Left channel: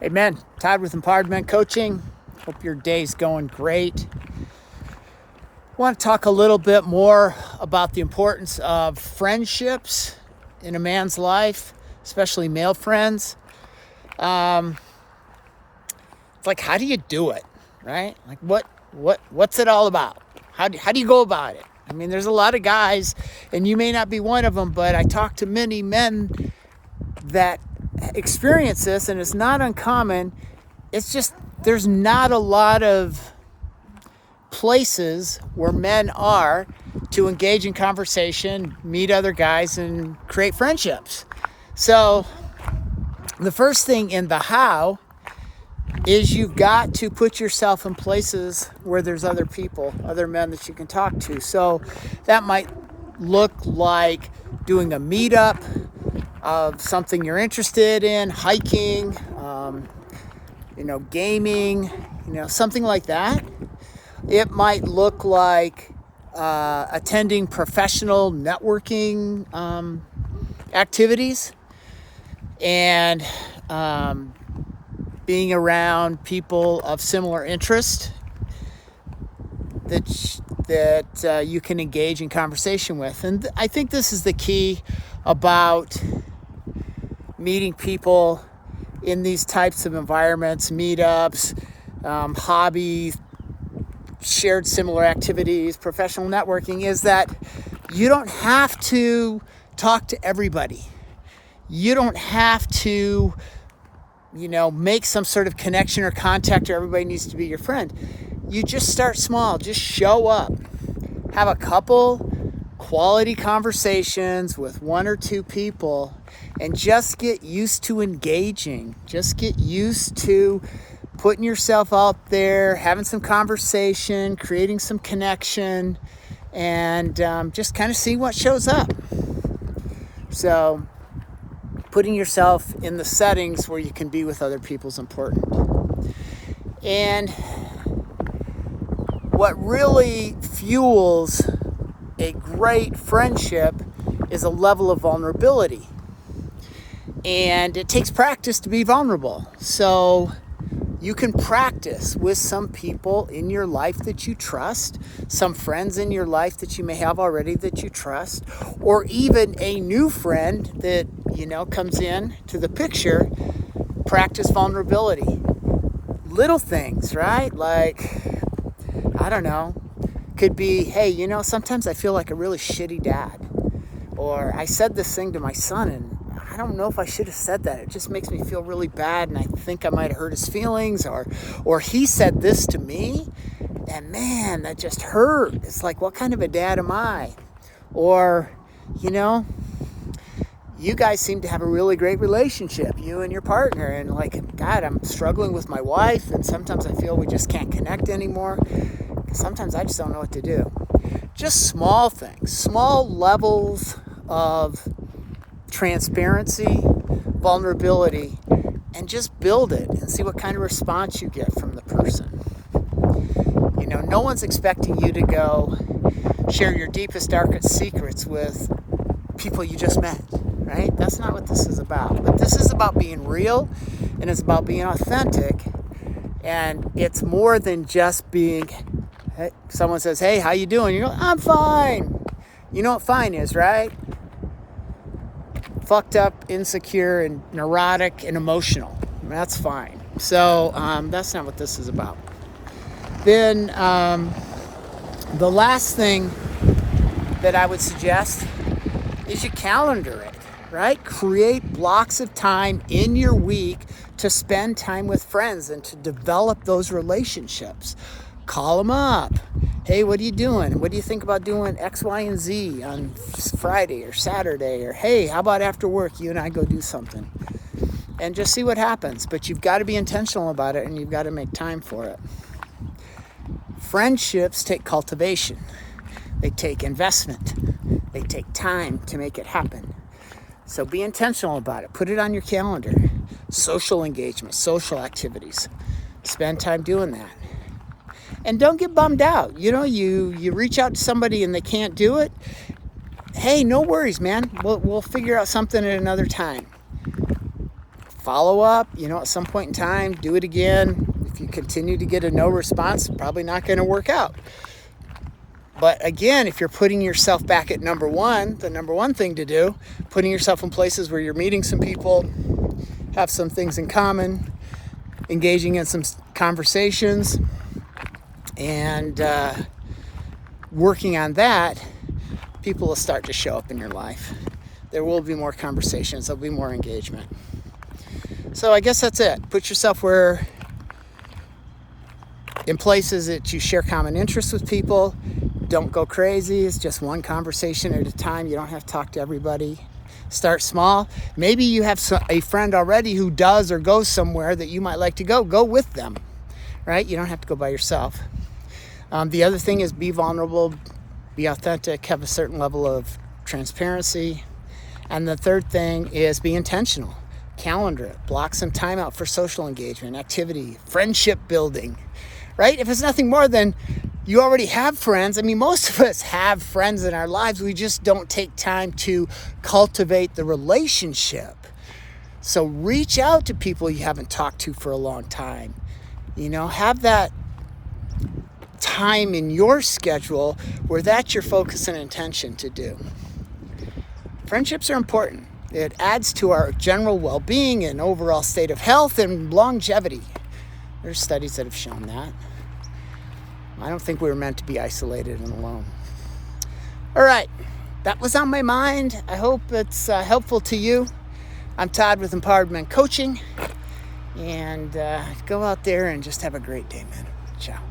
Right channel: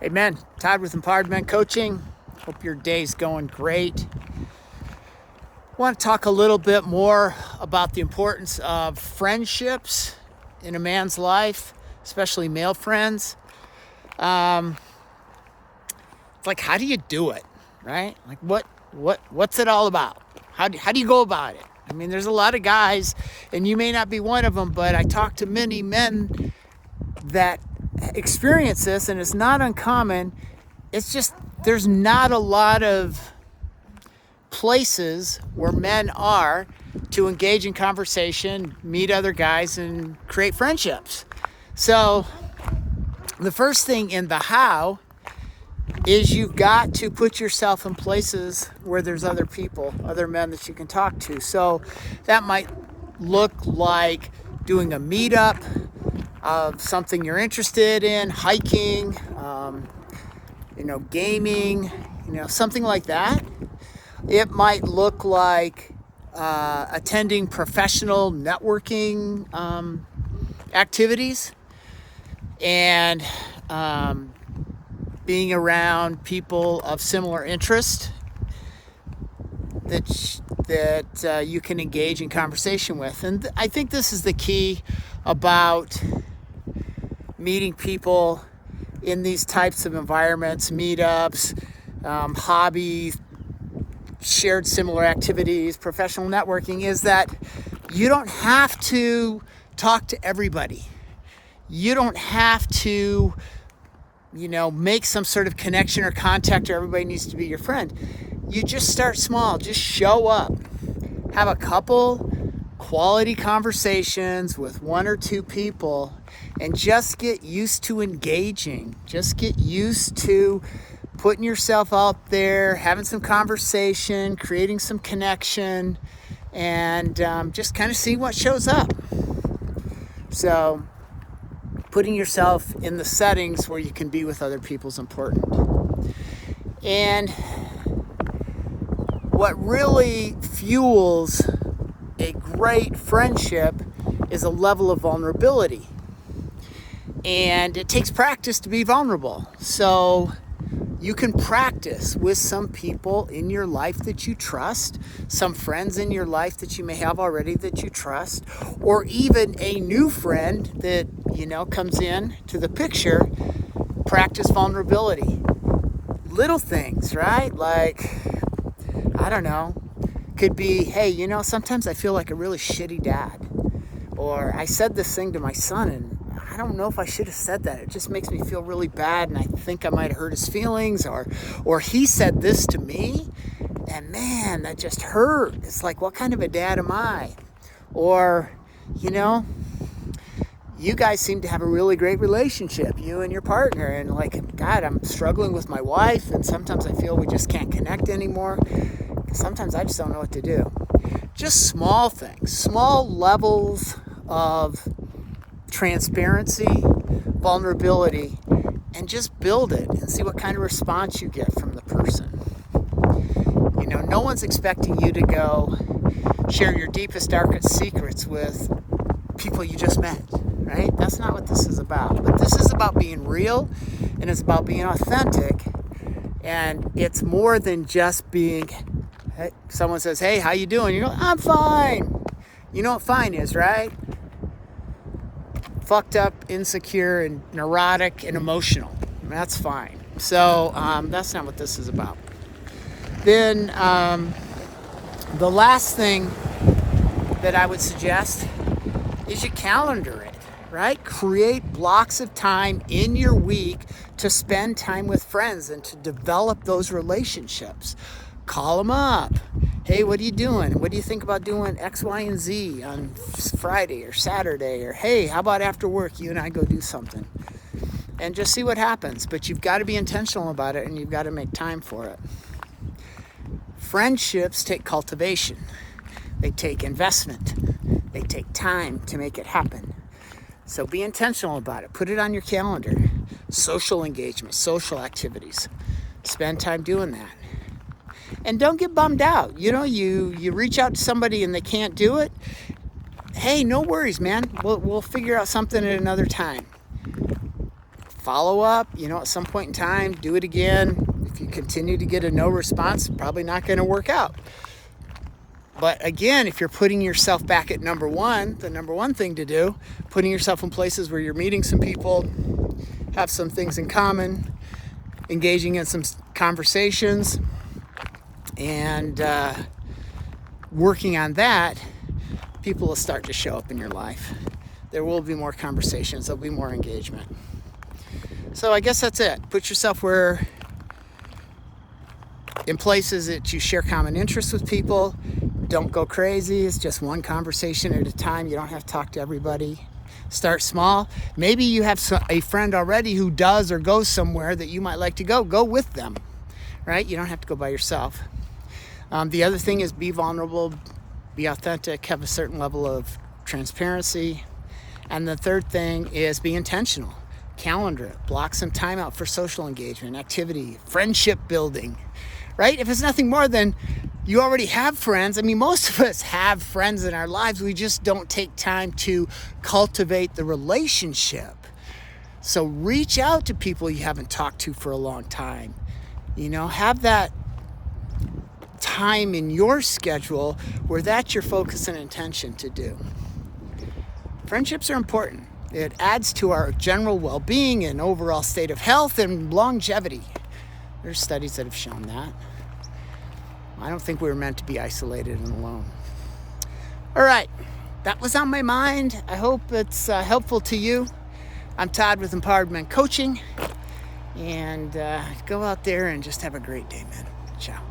Amen. Todd with Empowerment Coaching. Hope your day's going great. I want to talk a little bit more about the importance of friendships in a man's life, especially male friends. It's like, how do you do it, right? Like, what's it all about? How do you go about it? I mean, there's a lot of guys, and you may not be one of them, but I talk to many men that experience this, and it's not uncommon. It's just there's not a lot of places where men are to engage in conversation, meet other guys, and create friendships. So the first thing in the how is you've got to put yourself in places where there's other people, other men that you can talk to. So that might look like doing a meetup of something you're interested in, hiking, gaming, something like that. It might look like attending professional networking activities and being around people of similar interest that you can engage in conversation with. And I think this is the key about meeting people in these types of environments, meetups, hobbies, shared similar activities, professional networking, is that you don't have to talk to everybody. You don't have to, make some sort of connection or contact, or everybody needs to be your friend. You just start small, just show up, have a couple quality conversations with one or two people, and just get used to engaging. Just get used to putting yourself out there, having some conversation, creating some connection, and just kind of seeing what shows up. So putting yourself in the settings where you can be with other people is important. And what really fuels a great friendship is a level of vulnerability. And it takes practice to be vulnerable. So you can practice with some people in your life that you trust, some friends in your life that you may have already that you trust, or even a new friend that, comes in to the picture. Practice vulnerability. Little things, right? Like, I don't know, could be, hey, sometimes I feel like a really shitty dad. Or I said this thing to my son and I don't know if I should have said that. It just makes me feel really bad, and I think I might have hurt his feelings. Or he said this to me, and man, that just hurt. It's like, what kind of a dad am I? Or, you guys seem to have a really great relationship, you and your partner, and like, God, I'm struggling with my wife, and sometimes I feel we just can't connect anymore. Sometimes I just don't know what to do. Just small things, small levels of transparency, vulnerability, and just build it and see what kind of response you get from the person. No one's expecting you to go share your deepest, darkest secrets with people you just met, right? That's not what this is about. But this is about being real, and it's about being authentic. And it's more than just being, hey, someone says, hey, how you doing? You go, I'm fine. You know what fine is, right? Fucked up, insecure, and neurotic, and emotional. That's fine. So that's not what this is about. Then the last thing that I would suggest is you calendar it, right? Create blocks of time in your week to spend time with friends and to develop those relationships. Call them up. Hey, what are you doing? What do you think about doing X, Y, and Z on Friday or Saturday? Or, hey, how about after work, you and I go do something? And just see what happens. But you've got to be intentional about it, and you've got to make time for it. Friendships take cultivation. They take investment. They take time to make it happen. So be intentional about it. Put it on your calendar. Social engagement, social activities. Spend time doing that. And don't get bummed out. You reach out to somebody and they can't do it. Hey, no worries, man. We'll figure out something at another time. follow up, at some point in time, do it again. If you continue to get a no response, probably not going to work out. But again, if you're putting yourself back at number one, the number one thing to do, putting yourself in places where you're meeting some people, have some things in common, engaging in some conversations, and working on that, people will start to show up in your life. There will be more conversations. There'll be more engagement. So I guess that's it. Put yourself in places that you share common interests with people. Don't go crazy. It's just one conversation at a time. You don't have to talk to everybody. Start small. Maybe you have a friend already who does or goes somewhere that you might like to go. Go with them, right? You don't have to go by yourself. The other thing is be vulnerable, be authentic, have a certain level of transparency. And the third thing is be intentional. Calendar it. Block some time out for social engagement, activity, friendship building, right? If it's nothing more than you already have friends. I mean, most of us have friends in our lives. We just don't take time to cultivate the relationship. So reach out to people you haven't talked to for a long time. Have that time in your schedule where that's your focus and intention to do. Friendships are important. It adds to our general well-being and overall state of health and longevity. There's studies that have shown that. I don't think we were meant to be isolated and alone. All right, that was on my mind. I hope it's helpful to you. I'm Todd with Empowered Men Coaching, and go out there and just have a great day, man. Ciao.